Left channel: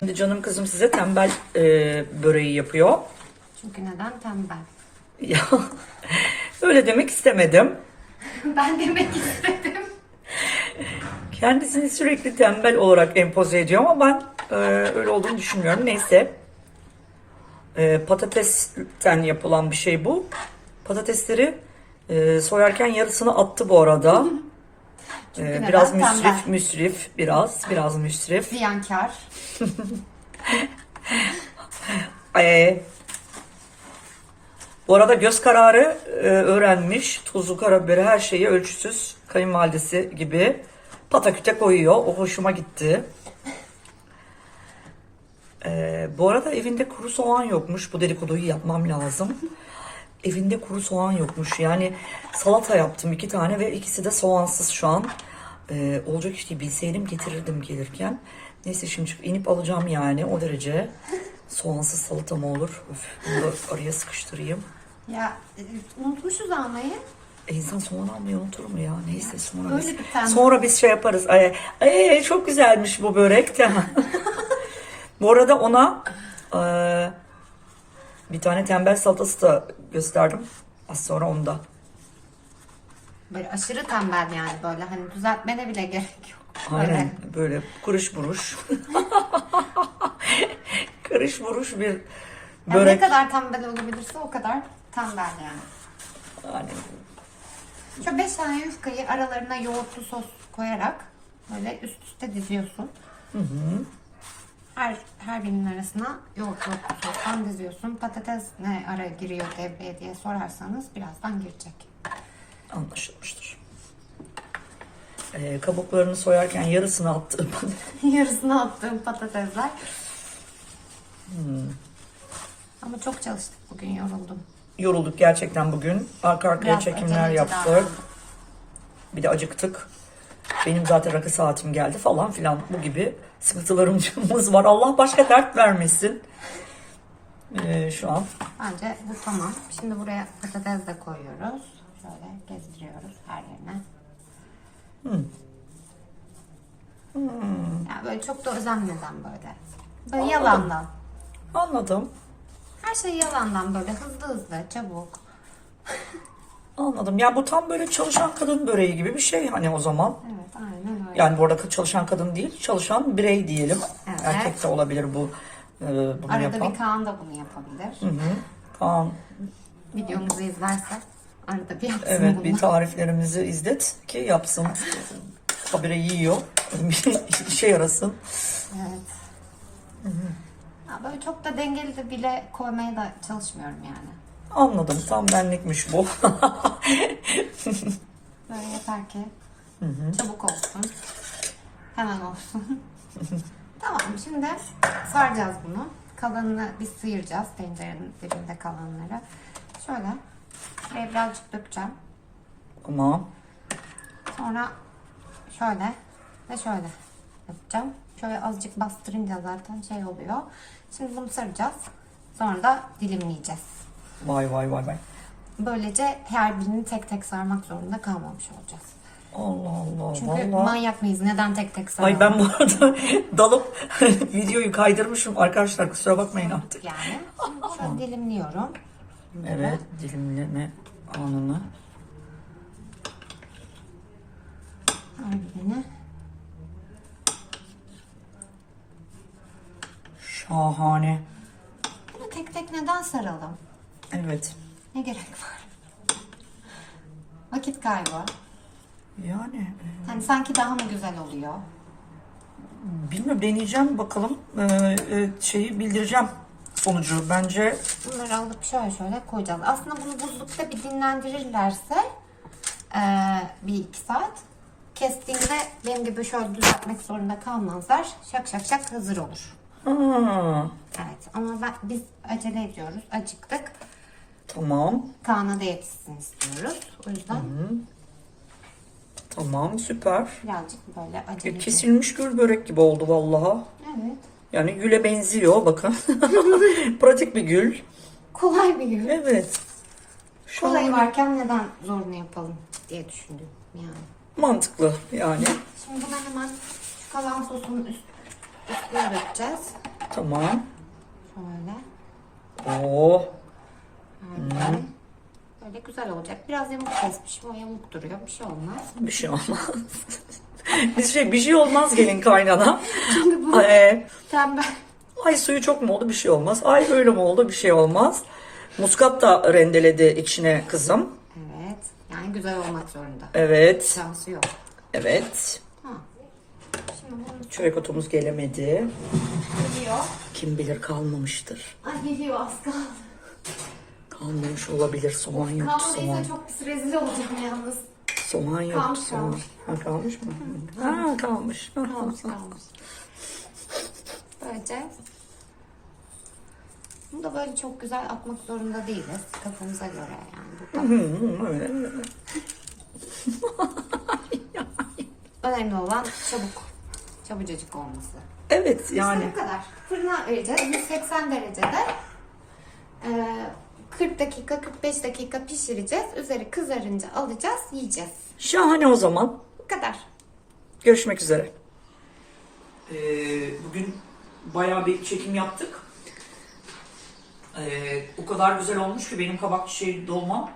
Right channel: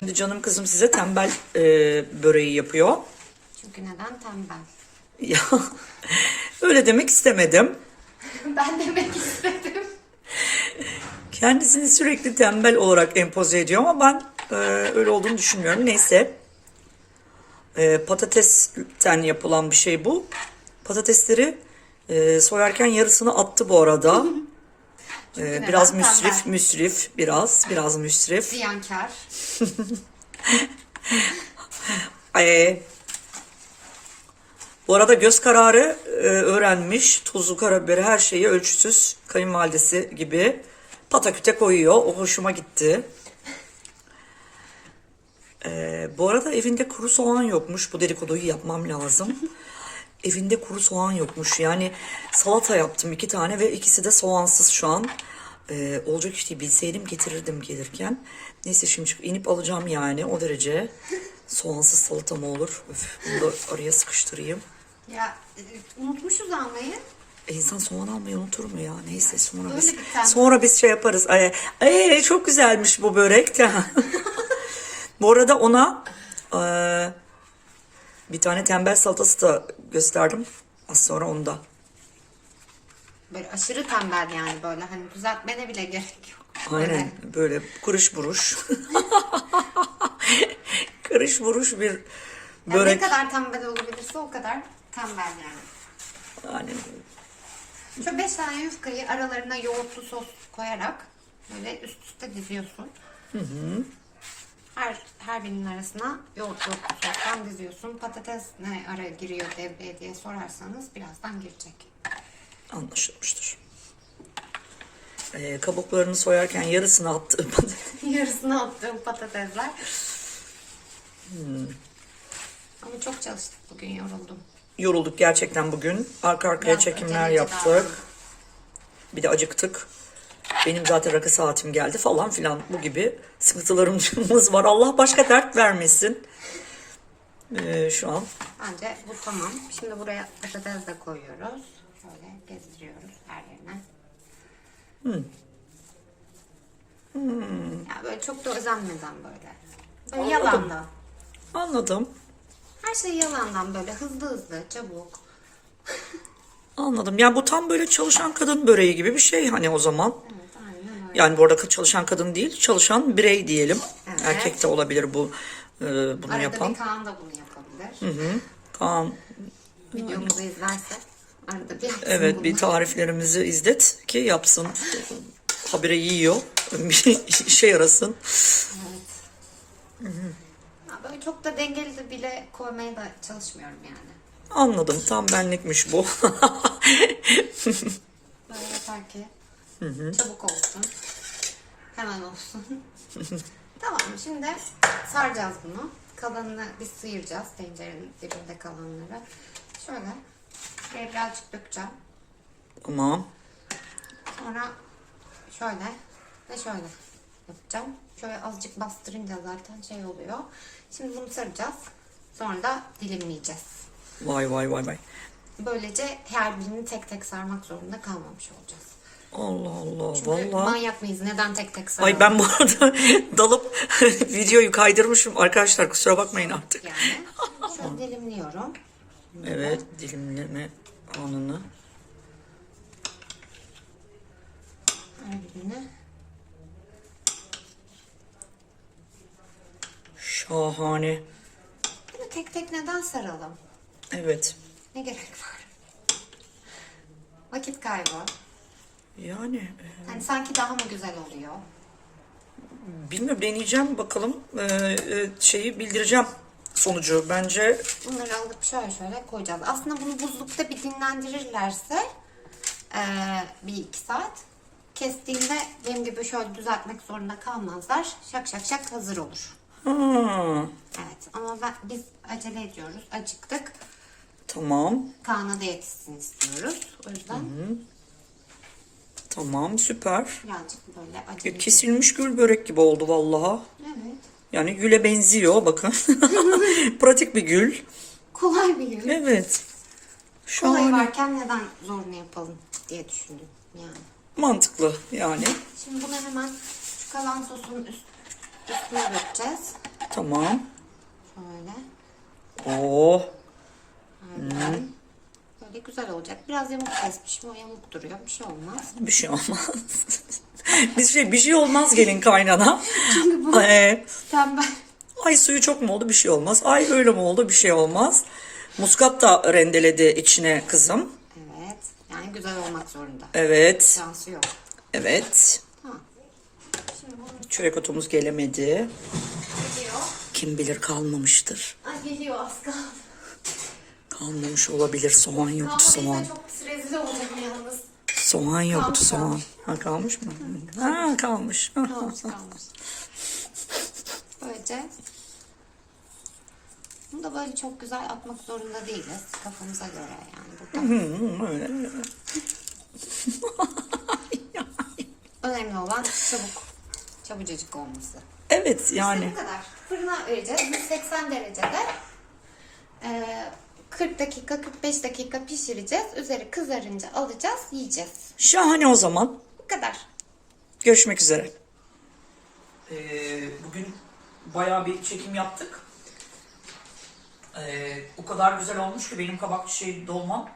Şimdi canım kızım size tembel e, böreği yapıyor. Çünkü neden tembel? Ya öyle demek istemedim. ben demek istedim. Kendisini sürekli tembel olarak empoze ediyor ama ben e, öyle olduğunu düşünmüyorum. Neyse. E, patatesten yapılan bir şey bu. Patatesleri e, soyarken yarısını attı bu arada. E, neden? biraz Tembel. müsrif, müsrif, biraz, biraz müsrif. Ziyankar. E, bu arada göz kararı e, öğrenmiş. Tuzu, karabiberi her şeyi ölçüsüz kayınvalidesi gibi pataküte koyuyor. O hoşuma gitti. E, bu arada evinde kuru soğan yokmuş. Bu dedikoduyu yapmam lazım. Evinde kuru soğan yokmuş. Yani salata yaptım iki tane ve ikisi de soğansız şu an. E, olacak iş değil. Bilseydim getirirdim gelirken. Neyse şimdi çıkıp inip alacağım yani o derece. Soğansız salata mı olur? Öf, bunu da araya sıkıştırayım. Ya e, unutmuşuz almayı. E, insan soğan almayı unutur mu ya? Neyse sonra Öyle biz, sonra biz şey yaparız. Ay, ay, çok güzelmiş bu börek de. bu arada ona e, bir tane tembel salatası da gösterdim. Az sonra onu da. Böyle aşırı tembel yani böyle hani düzeltmene bile gerek yok. Aynen böyle kuruş buruş. Kırış buruş bir Yani ne börek. kadar tembel olabilirse o kadar tembel yani. Yani Şöyle 5 tane yufkayı aralarına yoğurtlu sos koyarak böyle üst üste diziyorsun. Her, her birinin arasına yoğurtlu sostan diziyorsun. Patates ne ara giriyor devreye diye sorarsanız birazdan girecek. anlaşılmıştır. E, kabuklarını soyarken yarısını attı. Yarısına attığım patatesler. Ama çok çalıştık bugün yoruldum. Yorulduk gerçekten bugün. Arka arkaya Biraz çekimler aceleci yaptık. Bir de acıktık. Benim zaten rakı saatim geldi falan filan bu gibi sıkıntılarımız var. Allah başka dert vermesin. Ee, şu an Bence bu tamam. Şimdi buraya patates de koyuyoruz. Şöyle gezdiriyoruz her yerine. Ya böyle çok da özenmeden böyle. Böyle yalandan. anladım. Her şey yalandan böyle hızlı hızlı çabuk. Anladım. Yani bu tam böyle çalışan kadın böreği gibi bir şey hani o zaman. Evet öyle. Yani bu arada çalışan kadın değil, çalışan birey diyelim. Evet. Erkek de olabilir bu e, bunu Arada yapan. bir Kaan da bunu yapabilir. Hı hı. Tamam. Videomuzu izlerse arada bir yapsın Evet bunu. bir tariflerimizi izlet ki yapsın. Habire yiyor. Bir işe yarasın. Ya böyle çok da dengeli de bile koymaya da çalışmıyorum yani. Anladım. Tam benlikmiş bu. Böyle yeter ki çabuk olsun. Hemen olsun. tamam şimdi saracağız bunu. Kalanını biz sıyıracağız tencerenin dibinde kalanları. Şöyle buraya birazcık dökeceğim. tamam. Sonra şöyle ve şöyle yapacağım. Şöyle azıcık bastırınca zaten şey oluyor. Şimdi bunu saracağız. Sonra da dilimleyeceğiz. Vay vay vay vay. Böylece her birini tek tek sarmak zorunda kalmamış olacağız. Allah Allah. Çünkü Vallahi. manyak mıyız? Neden tek tek saralım? Ay ben bu arada dalıp videoyu kaydırmışım. Arkadaşlar kusura bakmayın artık. Yani şöyle dilimliyorum. Evet dilimleme anını. Her birini. Şahane. Bunu tek tek neden saralım? Evet. Ne gerek var? Vakit kaybı. Yani Hani sanki daha mı güzel oluyor? bilmiyorum deneyeceğim bakalım. Ee, e, şeyi bildireceğim sonucu. Bence Bunları alıp şöyle şöyle koyacağız. Aslında bunu buzlukta bir dinlendirirlerse eee, bir iki saat kestiğinde benim gibi şöyle düzeltmek zorunda kalmazlar. Şak şak şak hazır olur. ha, Evet ama ben, biz acele ediyoruz. Acıktık. tamam. Kaan'a da yetişsin istiyoruz. O yüzden Tamam süper. birazcık böyle acele Kesilmiş gül börek gibi oldu vallahi. Evet. Yani güle benziyor bakın. Pratik bir gül. Kolay bir gün. Evet. Şu Kolayı an varken neden zorunu yapalım diye düşündüm yani. mantıklı yani. Şimdi bunu hemen şu kalan sosun üst, üstüne dökeceğiz. Tamam. Şöyle. Oo. Harika. Böyle güzel olacak. Biraz yamuk kesmişim. O yamuk duruyor. Bir şey olmaz. Bir şey olmaz. bir şey bir şey olmaz gelin kaynana. Ee, Tembel. ay suyu çok mu oldu bir şey olmaz. Ay böyle mi oldu bir şey olmaz. Muskat da rendeledi içine kızım. Evet. Yani güzel olmak zorunda. Evet. Şansı yok. Evet. Tamam. Bunu Çörek otumuz gelemedi. geliyor. Kim bilir kalmamıştır. Ay geliyor az kaldı. Kalmamış olabilir. Soğan yoktu soğan. Çok pis rezil olacağım yalnız. Soğan yoktu Kalmış, soğan. kalmış. Ha, kalmış mı? Ha kalmış. Kalmış kalmış. Böylece bunu da böyle çok güzel atmak zorunda değiliz. Kafamıza göre yani. Önemli olan çabuk. Çabucacık olması. Evet yani. İşte bu kadar. Fırına vereceğiz. 180 derecede. Ee, 40 dakika 45 dakika pişireceğiz. Üzeri kızarınca alacağız yiyeceğiz. Şahane o zaman. Bu kadar. Görüşmek üzere. Ee, bugün bayağı bir çekim yaptık. Ee, o kadar güzel olmuş ki benim kabak şey dolmam.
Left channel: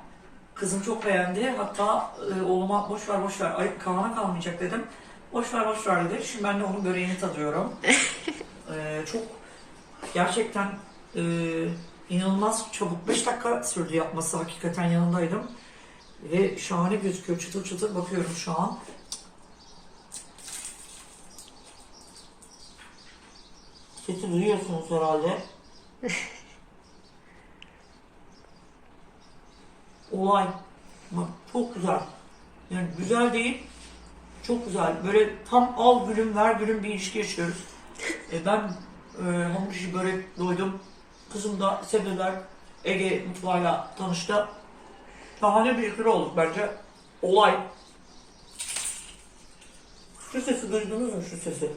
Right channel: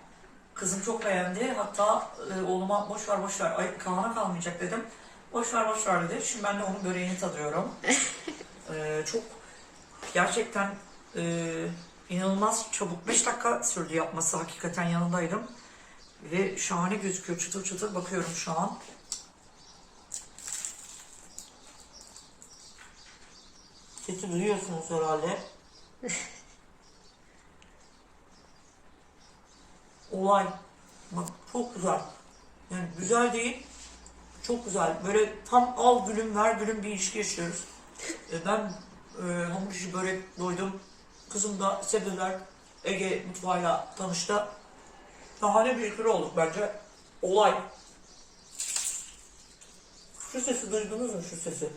Kızım çok beğendi. Hatta e, oğluma boş ver boş ver. Ay Kaan'a kalmayacak dedim. Boş ver boş ver dedi. Şimdi ben de onun böreğini tadıyorum. Ee, çok gerçekten e, inanılmaz çabuk. 5 dakika sürdü yapması. Hakikaten yanındaydım. Ve şahane gözüküyor. Çıtır çıtır bakıyorum şu an. Sesi duyuyorsunuz herhalde. Olay. Bak çok güzel. Yani güzel değil. Çok güzel. Böyle tam al gülüm ver gülüm bir ilişki yaşıyoruz. E ben e, hamur işi börek doydum. Kızım da sebzeler Ege mutfağıyla tanıştı. Şahane bir ikili olduk bence. Olay. Şu sesi duydunuz mu şu sesi?